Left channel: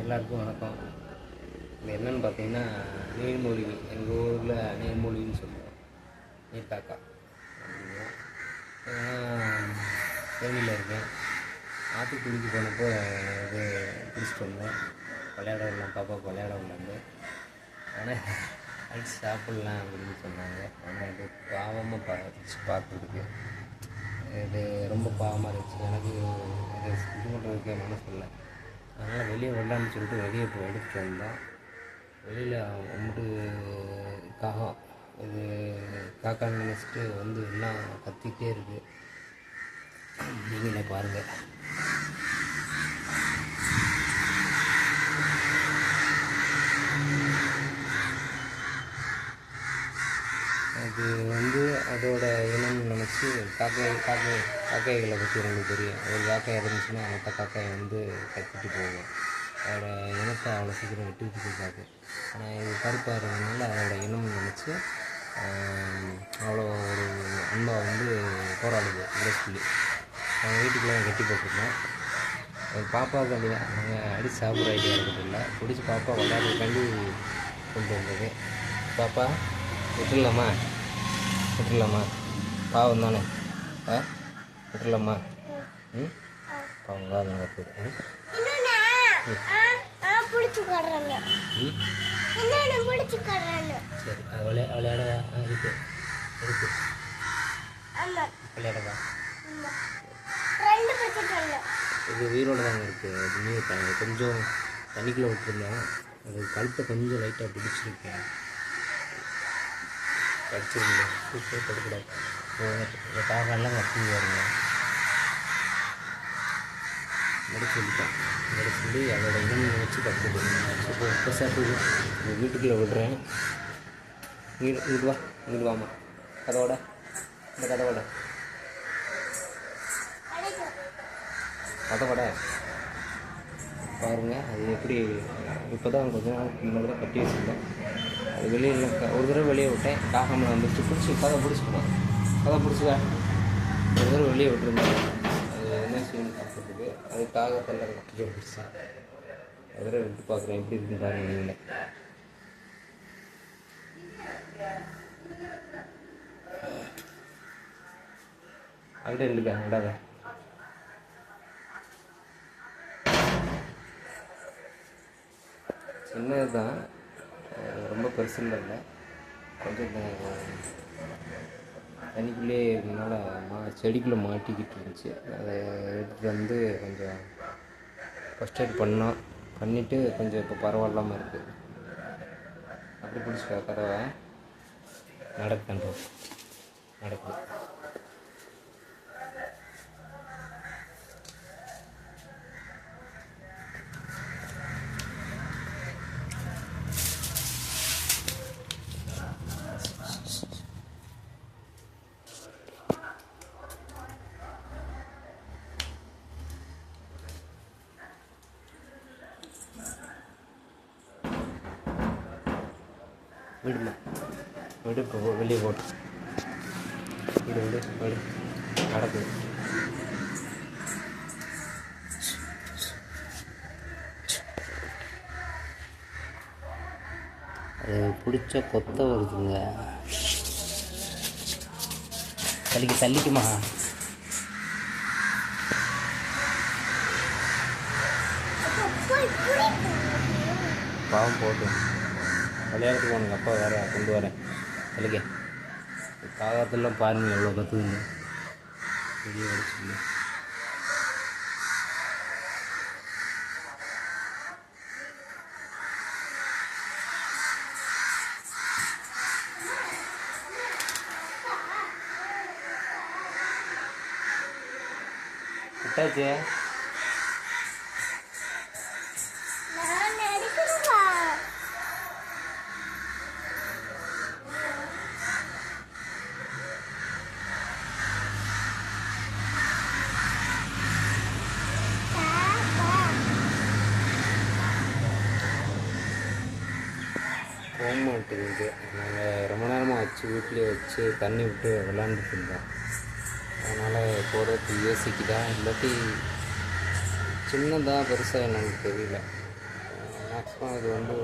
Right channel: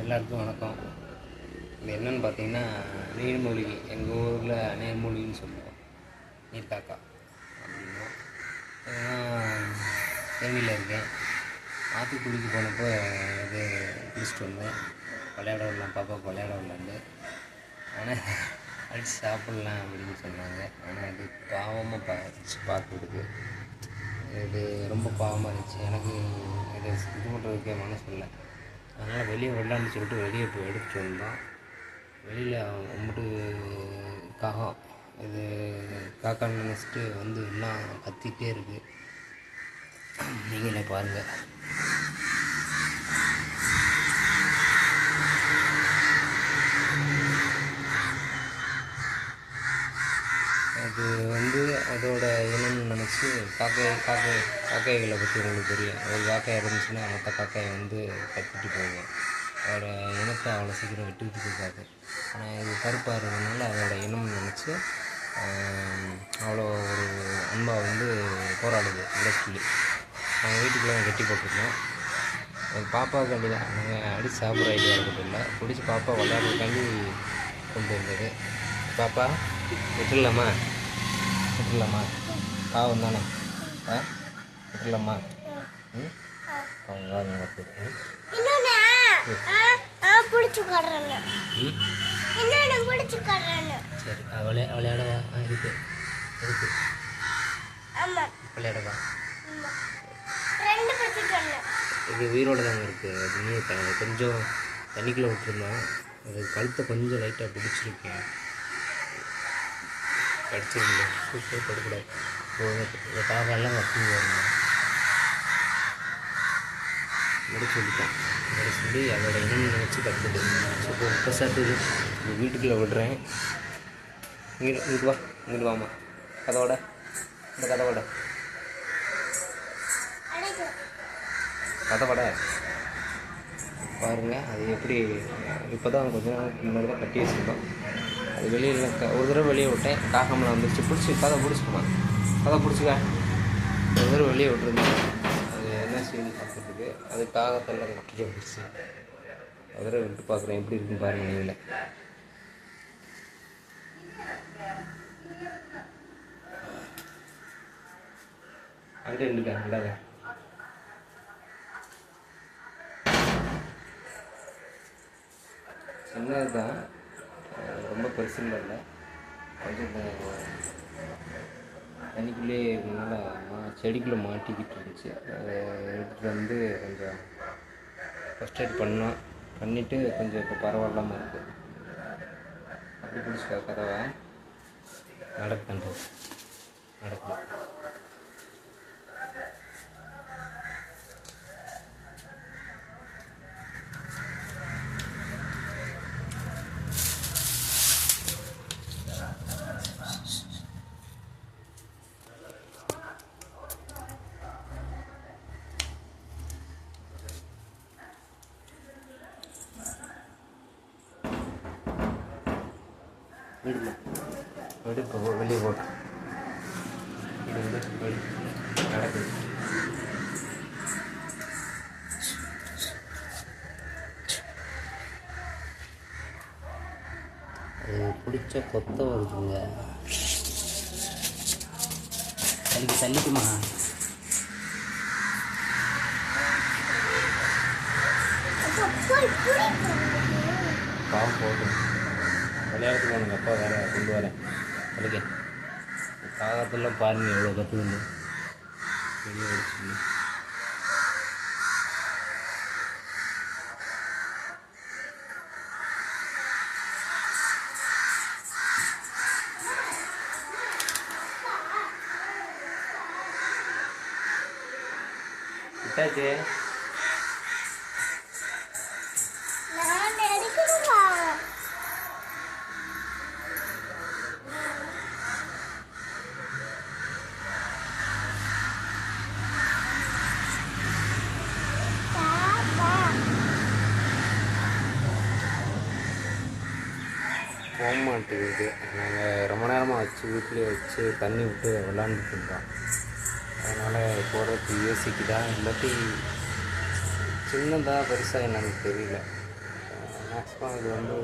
எல்லாருக்கும் வணக்கம். இது என்னென்னு பார்த்தீங்கன்னா, நீர்மூழ்கி. எங்கள் ஊரில் நீர்மூழ்கின்னு சொல்லுவோம், நீர்க்காக்கா அப்படின்வோம். கேள்வியில் இருக்கேன். ஆற்றுக்குடிக்கு போனப்போ இது பிடிச்சிட்டு வந்தேன். விளையாட விடலாம், பாப்பாவுக்கு விளையாட விடலான்னு. ஆனால் அடித்து சாப்பிட்லாம் அப்படின்னு சொன்னாங்க. ஆனால் இது பாவமாக பார்த்துருக்கு. இது ரொம்ப பாவமாக இருந்துச்சு. எனக்கு இதை இது பண்ணுறதுக்கே மனசு இல்லை. அதனால் வெளியே விடலான்னு சொல்லிட்டு வெளியே இப்போ எடுத்துகிட்டு வந்தோம். வெளியில் வந்துட்டு காகம் இது காக்கான்னு நினச்சிட்டு வந்து எல்லாம் கத்திகிட்டே இருக்குது. நீங்களே பாருங்கள். அது வந்து அதோட இனம்னு நினச்சி காக்கைகளை பற்றி உங்களுக்கு தெரியும். ஒரு காக்காய் இருந்துச்சுன்னா மற்ற காக்காயை வந்து கத்திட்டு போகும். அதோட இனத்தை அவ்வளோ சீக்கிரம் விட்டுக்கிட்டு இருக்காது. ஆனால் இது கருப்பாக இருக்கிறதுனால அதோட இனம்னு நினச்சி அவ்வளோ ஒரு அன்பாக வந்து போராடுது விடக்குள்ளி. நாங்கள் வீட்டுக்குள்ளே கட்டி போட்டிருக்கோம். பாப்பாவுக்காண்டி தான் நாங்கள் அடித்து சாப்பிட்ற ஐடியா இருக்கிறது இல்லை. பிடிச்சி பாப்பா விளையாடுறதுக்காண்டி கொண்டு வந்தது. பாப்பா விட்டுடலாமா பாவம் தானே? விட்டுடலாமா? பாவம் வாங்க சரி. விளையாடவா? இருக்கு விளையாடவா? இது உயிரோடு தாங்க இருக்குது. அது நீர் கொஞ்சம் தண்ணிக்குள்ளே விட்டுருந்தோம். அது கழுத்தை கொஞ்சம் லைட்டாக பிடிச்சிருக்கேன். கடிச்சிருங்க. சூப்பர் படக்கூடாது. இந்த காக்கெல்லாம் கட்டிங்க வருங்க. நடிச்சு சொல்லிட்டேன். நடிச்சு சொல்லி அதோட இனம் நினச்சி கற்றுது. இப்போ இப்போ சாப்பிட்டு இந்த வீட்டுக்குள்ளே விடுறேன். இங்கிட்டு வா, இங்கிட்டு வாமா. கதவோட இந்த கதவோட பாருங்கள். அது எப்படி இப்போ தான் கொஞ்சம் நாளைக்கு முன்னாடி தான் கட்டி வச்சுருந்தோம். அது வெளியில் ஒரு தடவை வெளியே விட்டேன். காகம்லாம் வந்துருச்சு. கதை பிடிச்சிக்கணும். கதை பிடிச்சிக்க. ஒரு தடவை வெளியே விட்டுருந்தேன். அது என்ன செய்யணும்னு பார்க்குறதுக்கு அது காகத்தெல்லாம் கட்டிட்டு வந்துருச்சு. ஒரு தடவை விட்டு பார்க்குறேன் எப்படி இருக்குன்னு பாருங்கள் நீங்களே. அங்கே இருந்துக்கா நல்லாத சின்னது தான், ரொம்ப பெருசுன்னு இல்லை. கொஞ்சம் தண்ணிக்குள்ளேயே இருந்ததுனால செடிக்குள்ளே மாட்டிக்கிட்டு இருந்துச்சு. அதை எடுத்துகிட்டு வந்து கொஞ்சம் ஃபஸ்ட் எய்ட் பண்ணிவிட்டு கொஞ்சம் இப்போ பரவாயில்லாமல் இருக்குது. அப்படி பிடிச்சிக்கா கதவை நடக்குது. விடு இப்போ வெளியே போட்டு விடு நடக்குது. அது பிடிச்ச கொத்த வருதுங்க. தள்ளிக்குமா? பாவம் போட்டு விளையாடுறதுக்கு உனக்கு அப்பா வேறு கொண்டு வரேன். அதுக்கு காகத்தெல்லாம் பாருங்கள் எவ்வளோ கற்றுக்குன்னு வெளியே அடிச்சுங்க. விட்டாச்சு. போக மாட்டேங்குது. நாங்கள் ரொம்ப நேரமாக வீட்டிலே வச்சு தண்ணி விட்டு விளாண்டுட்டு இருந்தோம். அதனால் போகிறதுக்கு யோசிக்குதா இல்லாட்டி சின்னதாக பெருசாக என்னன்னு தெரியல. மேக்ஸிமம் இது வந்து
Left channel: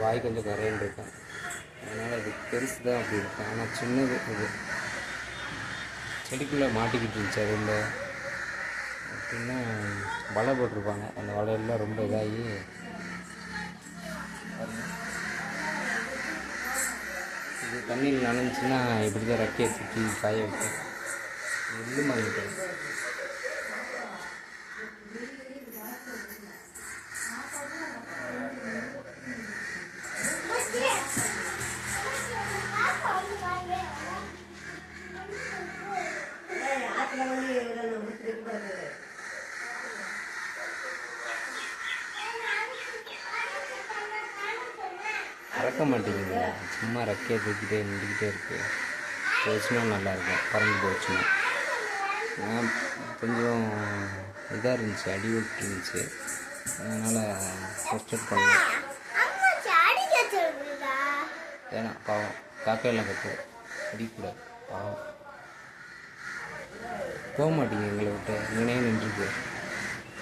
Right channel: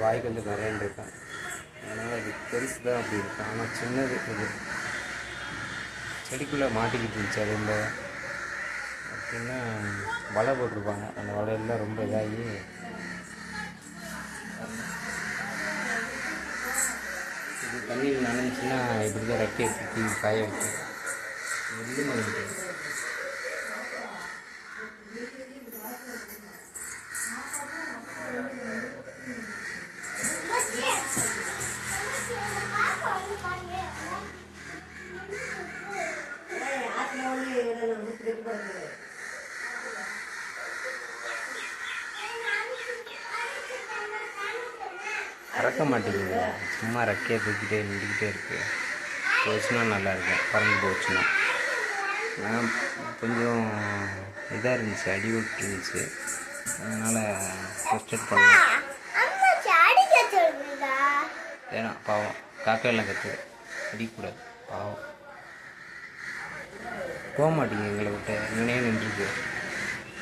வாய் கொஞ்சம் கரைன்னு இருக்கும், அதனால் அது பெருசு தான் அப்படி இருக்கும். ஆனால் சின்னது இது செடிக்குள்ளே மாட்டிக்கிட்டு இருந்துச்சு. அது இல்லை அப்படின்னா வலை போட்டிருப்பாங்க, அந்த வலையெல்லாம் ரொம்ப இதாகி இது தண்ணியில் நனைஞ்சின்னா இப்படி தான் ரெக்கையை சுற்றி காய வைக்கும். எள்ளு மணிக்கு பறக்க மாட்டேங்குது, சும்மா ரெக்கையை தூக்கிட்டே நின்றுக்கிட்டே இருக்குது. போச்சுன்னா நல்லாயிருக்கும், பறந்து போச்சுன்னா. நான் கொஞ்சம் இதாக இருந்துச்சு, அடி விட்டு இருந்துச்சு, அதனால் ஃபஸ்ட் பண்ணேன். வேணாம் பாவம், காக்கையெல்லாம் கற்றுது, அடிக்கக்கூடாது பாவம். போக மாட்டேங்குது எங்களை விட்டு, நினைவு நின்றுருக்கு.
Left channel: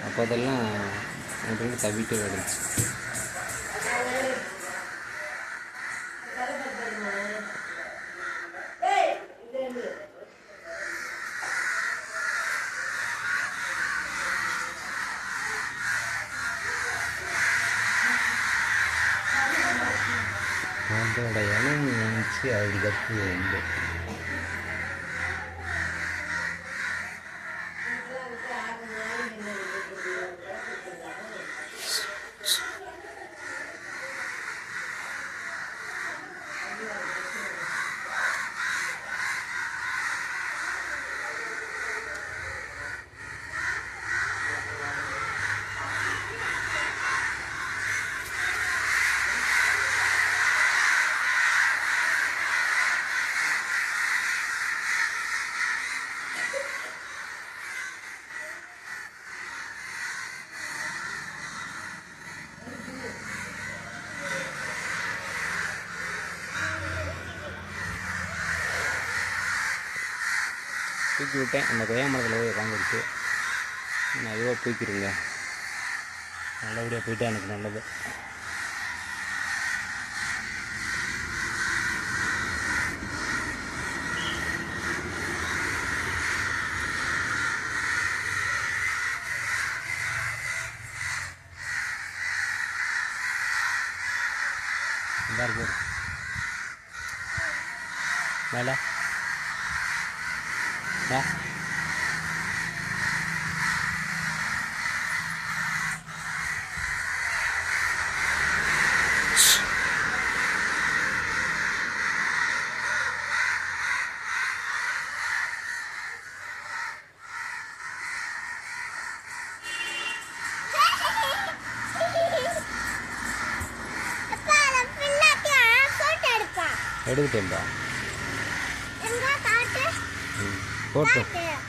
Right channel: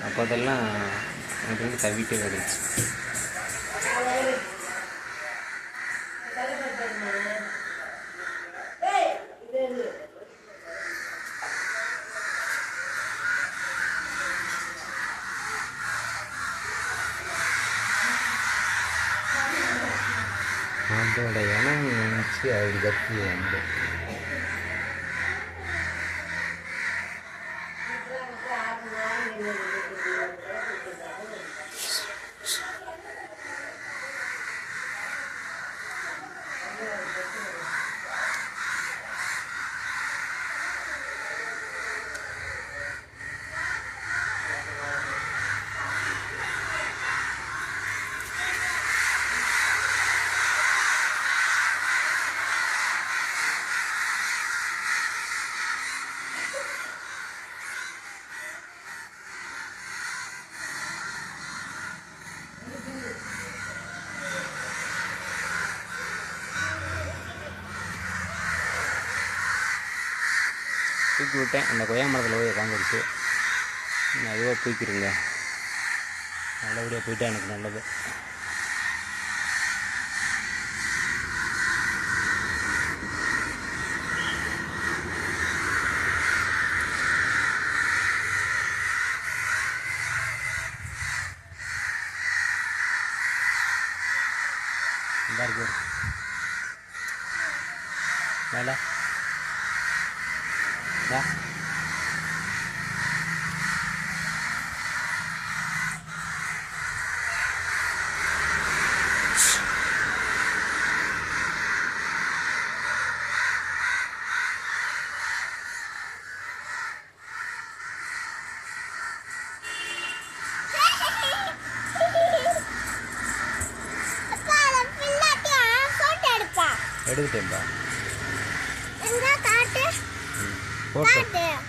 அப்போ அதெல்லாம் அப்படின்னு தவிட்டே வந்துச்சு. அதோட இனம் நினச்சி அது கத்தி வந்து தூக்கி விட்டேன். அந்த கொய்யா மரத்தில் போய் உட்காந்துருச்சு. நான் ஐயோ தூக்கிடுங்க, நல்லபடியாக போயிட்டா எனக்கு நல்லது. நல்லா இருக்கு மேலே எடுத்துட்டேன்பா. போட்டேன்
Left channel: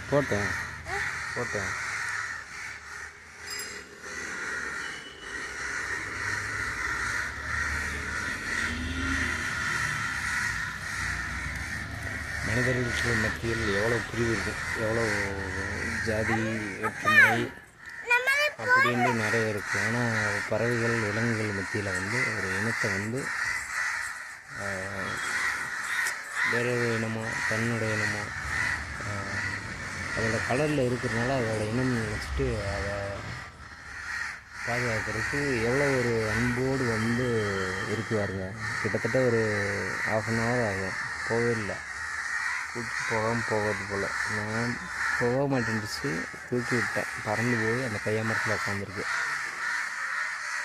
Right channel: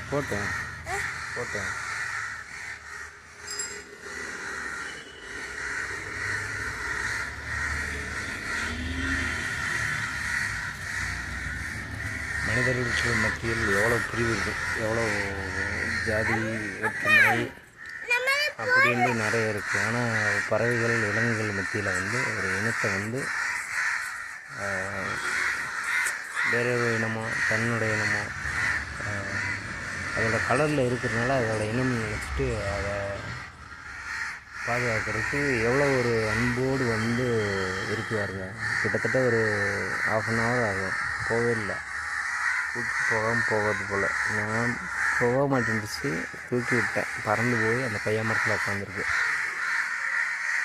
போட்டேன் போட்டேன். மனிதர்களுக்கு மத்தியில் எவ்வளோ பிரிவு இருக்குது, எவ்வளோ ஜாதி வேற்றுமை அப்படின்னு நிறைய இருக்குது. ஆனால் பறவைகள் விலங்குகள் மத்தியில் வந்து ஒரு இனத்தை வந்து வேற ஒரு இனமோ தன்னுடைய இனமோ அதோட கலரில் இருக்கிறதுனால அதோட இனம் நினச்சிட்டு அதை பாதுகாக்கிறதுக்கு எவ்வளோ ஒரு அன்போடு வந்து இருக்குவாருங்க. கிட்டத்தட்ட ஒரு 1/2 hour ஆகும், போகவே இல்லை, கூப்பிட்டு போகாமல் போகிறது போல். நான் போக மாட்டேன்டுச்சு, தூக்கி விட்டேன், பறந்து போய் அந்த கொய்யா மரத்தில் உட்காந்துருக்கு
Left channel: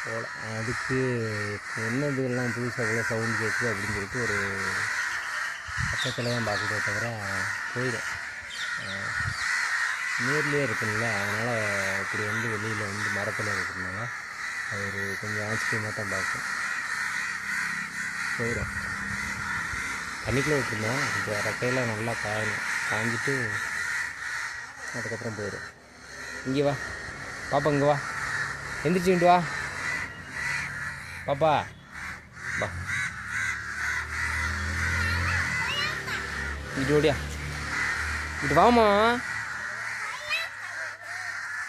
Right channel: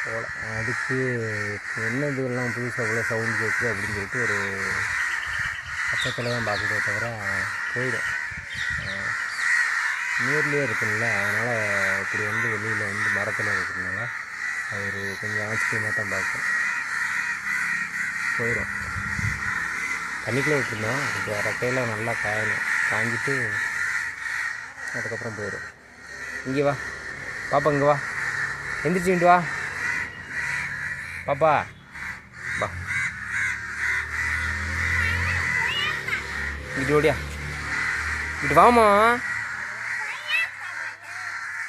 போல். அதுக்கு என்ன இதுவெல்லாம் புதுசாக போல் சவுண்ட் கேட்குது அப்படின்னு சொல்லிட்டு ஒரு பக்கத்தில் தான் பார்க்குறதே தவிர போயிடும். நேர்லேயே இருக்குதுல்ல, அதனால் இப்படி வந்து வெளியில் வந்து மரத்தில் இருக்கிறதுனால அது ஒரு கொஞ்சம் ஆச்சரியமாக தான் பார்க்கும், போயிடும். தண்ணிக்குள்ளே விட்டுருந்தோம், இப்போ ரெக்கையில் நல்லா காயணும், காஞ்சிட்டு அதுக்கப்புறம் போயிடும். இங்கே வா பாப்பா, இங்கே வா, எந்திரிச்சுட்டு வா பாப்பா, வா இங்கிட்டு ஓடியா, இங்கிட்டு வாமா,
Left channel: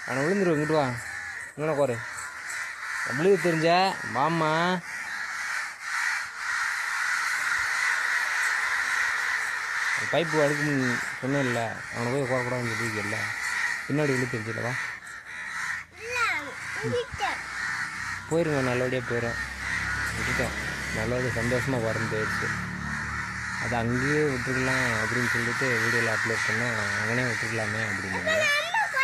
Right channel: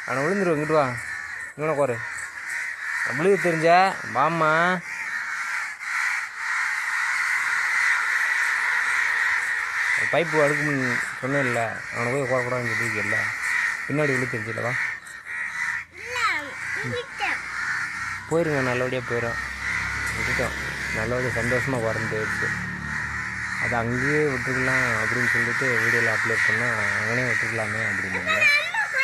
ஆனால் விழுந்துருவோம், இங்கிட்டு வா, இங்கே கோரு நம்மளுக்கு தெரிஞ்சா மாமா பைப்பு அடுக்குன்னு சொன்னேன் இல்லை, அவனை போய் குறக்கூடாதுன்னு சொல்லியிருக்கல, பின்னாடி விழு தெரிஞ்சில்லவா போயிருங்க, நல்லபடியாக போயிடும். விட்டுட்டோம், நல்லபடியாக சந்தோஷமாக வரணும் போயிடுச்சு. அது அங்கேயே விட்டுருக்கலாம் அப்படின்னு சொல்லிட்டு வீடியோவில் அப்லோட் பண்ணால் அவனே விட்டுருக்கலாமே அப்படின்னாங்க.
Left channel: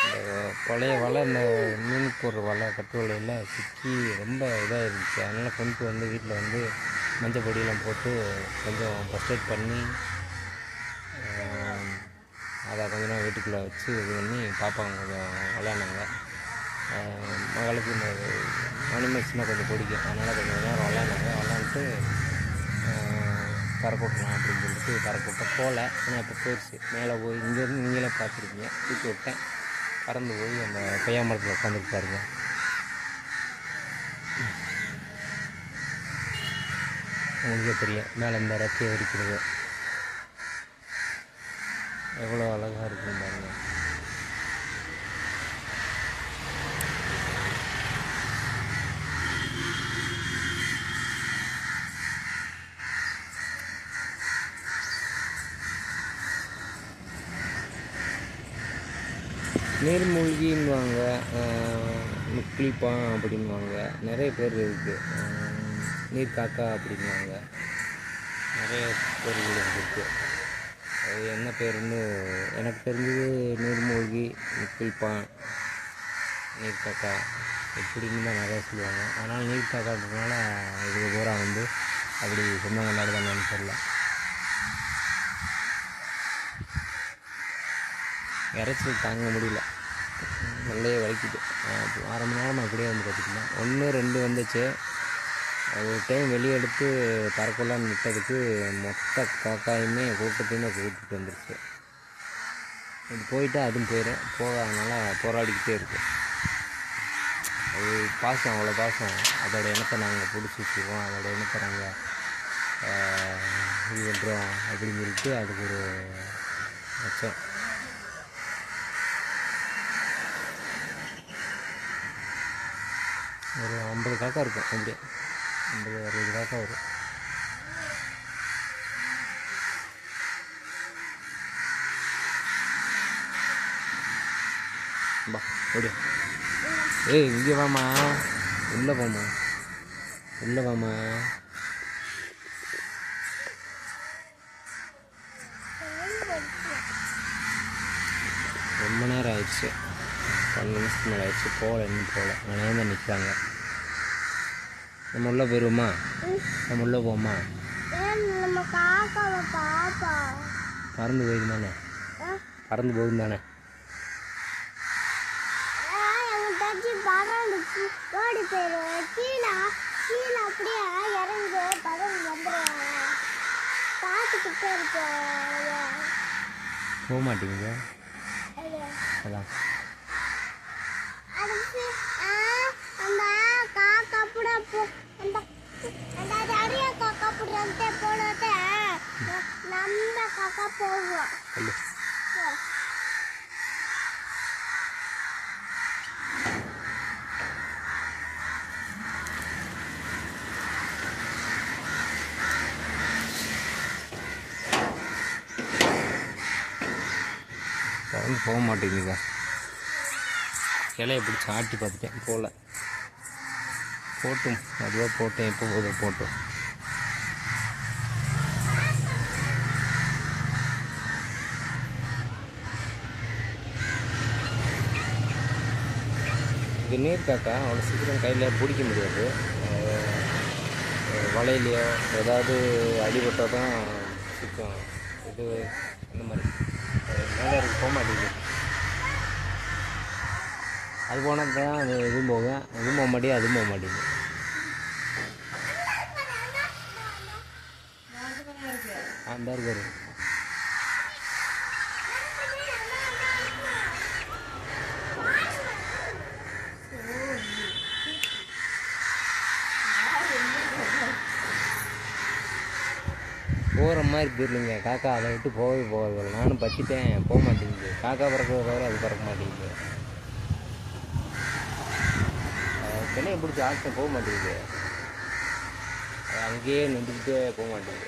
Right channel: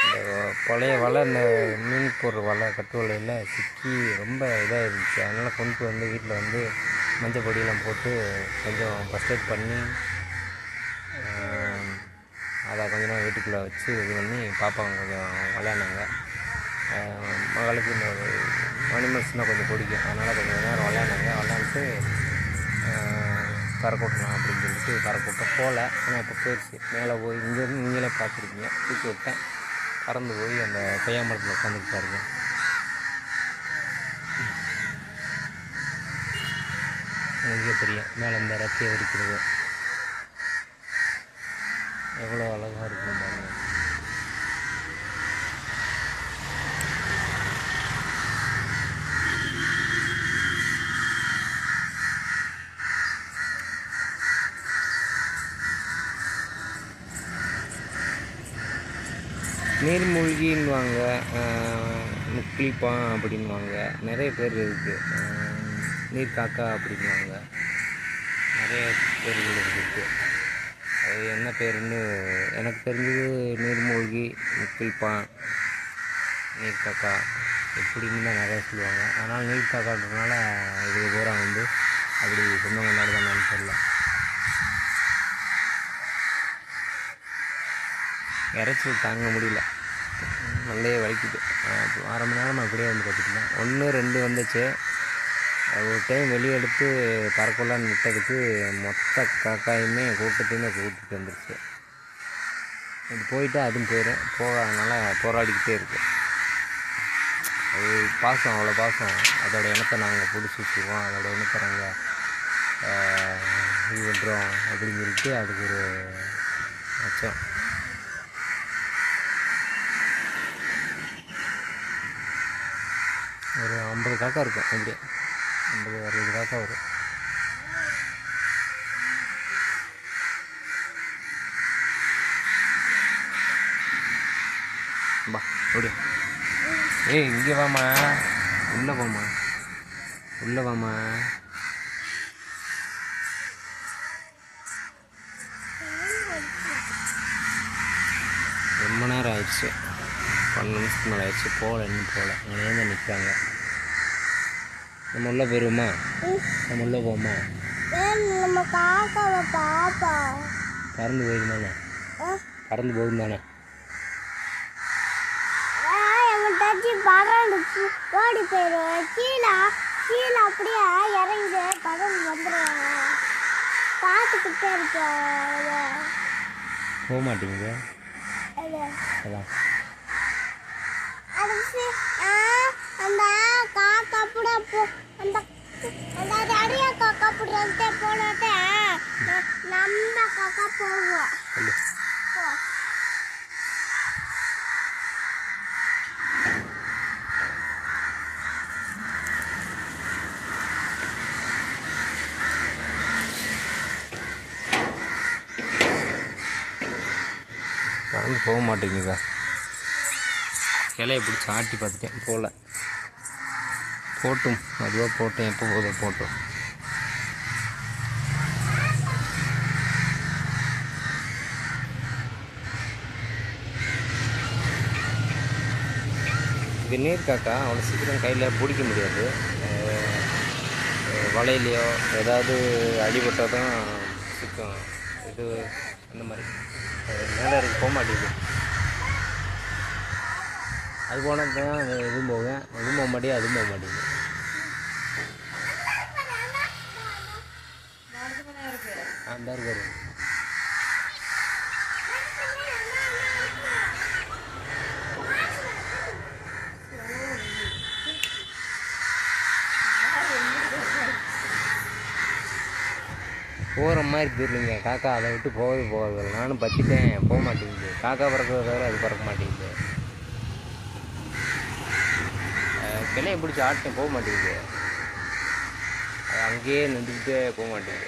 இந்த பழைய வலை, இந்த மீன் போடுற வலை, கட்டு வலையில் சிக்கி ரொம்ப இதாக இருந்துச்சு. அதனால் கொண்டு வந்து வீட்டில் வந்து மஞ்சள் பொடியெல்லாம் போட்டு கொஞ்சம் ஃபர்ஸ்ட் எய்ட் பண்ணி அதை கொஞ்ச நேரம் வீட்டுக்குள்ளே வச்சு இது பண்ணி பாப்பாங்க கொஞ்சம் விளையாண்டாங்க. மகளுக்கு இந்த அனிமல்ஸ்னால் கொஞ்சம் பிடிக்கும், அதனால் கொஞ்சம் நேரம் விளையாண்டுட்டு பறக்கூட்டலாம் அப்படின்னு சொல்லிட்டு பறக்கூட்டம் போகல. ஆனால் இப்போ போயிடுச்சு, மேலே போய் இங்கேருந்து நீங்களே பார்த்துருக்கீங்க, தூக்கி விட்டேன், பறந்து போய் அந்த கொய்யா மரத்தில் உட்காந்துட்டு பாருங்க. உங்களுக்கே தெரியும் மேலே இந்த ரத்தியை இருக்கிறது எவ்வளோ அழகாக இருக்கும் பாருங்கள். நீர்மூழ்கின்னுவாங்க, முக்கிலிப்பான் அப்படின்வாங்க, நிறைய பேர் இருக்குது. நீர் காக்கா அப்படின்வாங்க, நிறைய பேர்கள் இருக்குது. அது என்ன பேருன்னு எனக்கு தெரிஞ்சது நீர்மூழ்கி, முக்கிலிப்பான், நீர் காக்கா இப்படின்னு தான் நிறையா சொல்லுவாங்க. அதனால் நீர் காக்கான்றதுனால இதுக்கு பூரா வந்து அப்படி சொந்தங்க நடந்தான்னு தெரியல. இறைச்சல் தாங்க முடியல, நல்லே வலிக்குது. அரை மணி நேரமாக அப்படியே வந்து பார்த்துக்கலாம். 1 2 வந்துச்சு. ஒரு டைம் வெளியே எடுத்து பறக்கலான்னு விட்டதுக்கு மொத்த காக்காயுமே கூட்டத்தையுமே கூட்டிகிட்டு வந்துருச்சு. இது போயிட்டால் அதுவும் போயிடும், போகாதனால போராடிக்கிட்டே இருக்குது. அது பாசம், அவ்வளோ பாசம். அதோட இனத்தை நாங்கள் பிடிச்சி வச்சுக்குவோம், அதோட இனத்தை நாங்கள் இது பண்ணுறோம் அப்படின்னு சொல்லிட்டு அதுக்கு ஒரு அச்சம். ஒரு 50 காக்கா இருக்கும், அப்படியே 50 60 காக்கா வரும். பா அப்படியே. ஏய் இங்கே வாமா, உள்ளே போமா, உள்ளே வாமா. ரொம்ப நேரம் ஆயிடுச்சு, 12 நிமிஷத்துக்கு மேலே ஆயிடுச்சு. போகல, இன்னும் போகல, நானே தான் நிற்கிறாங்க. நம்ம உள்ளே போயிடுவோமா, நம்ம உள்ளே போவோமா? பறந்து போயிடும் தானே, பறந்து போகும் தானே. போக மாட்டீங்க, அதான் பறந்து போக மாட்டேங்குதா. கிளையை பிடிச்சி ஆட்டி பார்த்துட்டேன், போகல. போட்டும், அதுவாக போட்டேன், எப்போ போதோ போட்டோம். இது நீர் காக்கா அவ்வளோ சீக்கிரம் கையில் பிடிக்க முடியாது. வலையிலையோ ஏதாவது அடிபட்டால் தான் சிக்கும். இது அந்த மாதிரி மேலே இருக்கு, போக மாட்டேங்குது. அது போனால் தான் இதுவும் போவேன், அதுவும் போக மாட்டேங்குது, அதுவும் போக மாட்டேங்குது. அந்த இருக்காரு போகிற மாதிரி போயிடலைங்க. காக்கா அதை விட்டு போகவே போகாது. நானும் பற்றிட்டேன், போக மாட்டேங்குது. காக்கா பறக்கிறத தவிர அது பறக்க மாட்டேங்குது. கிளையை பிடிச்சி ஆட்டம் போக மாட்டேங்குது, அது அங்கேயே நின்றுக்கிட்டே போக மாட்டேங்குது.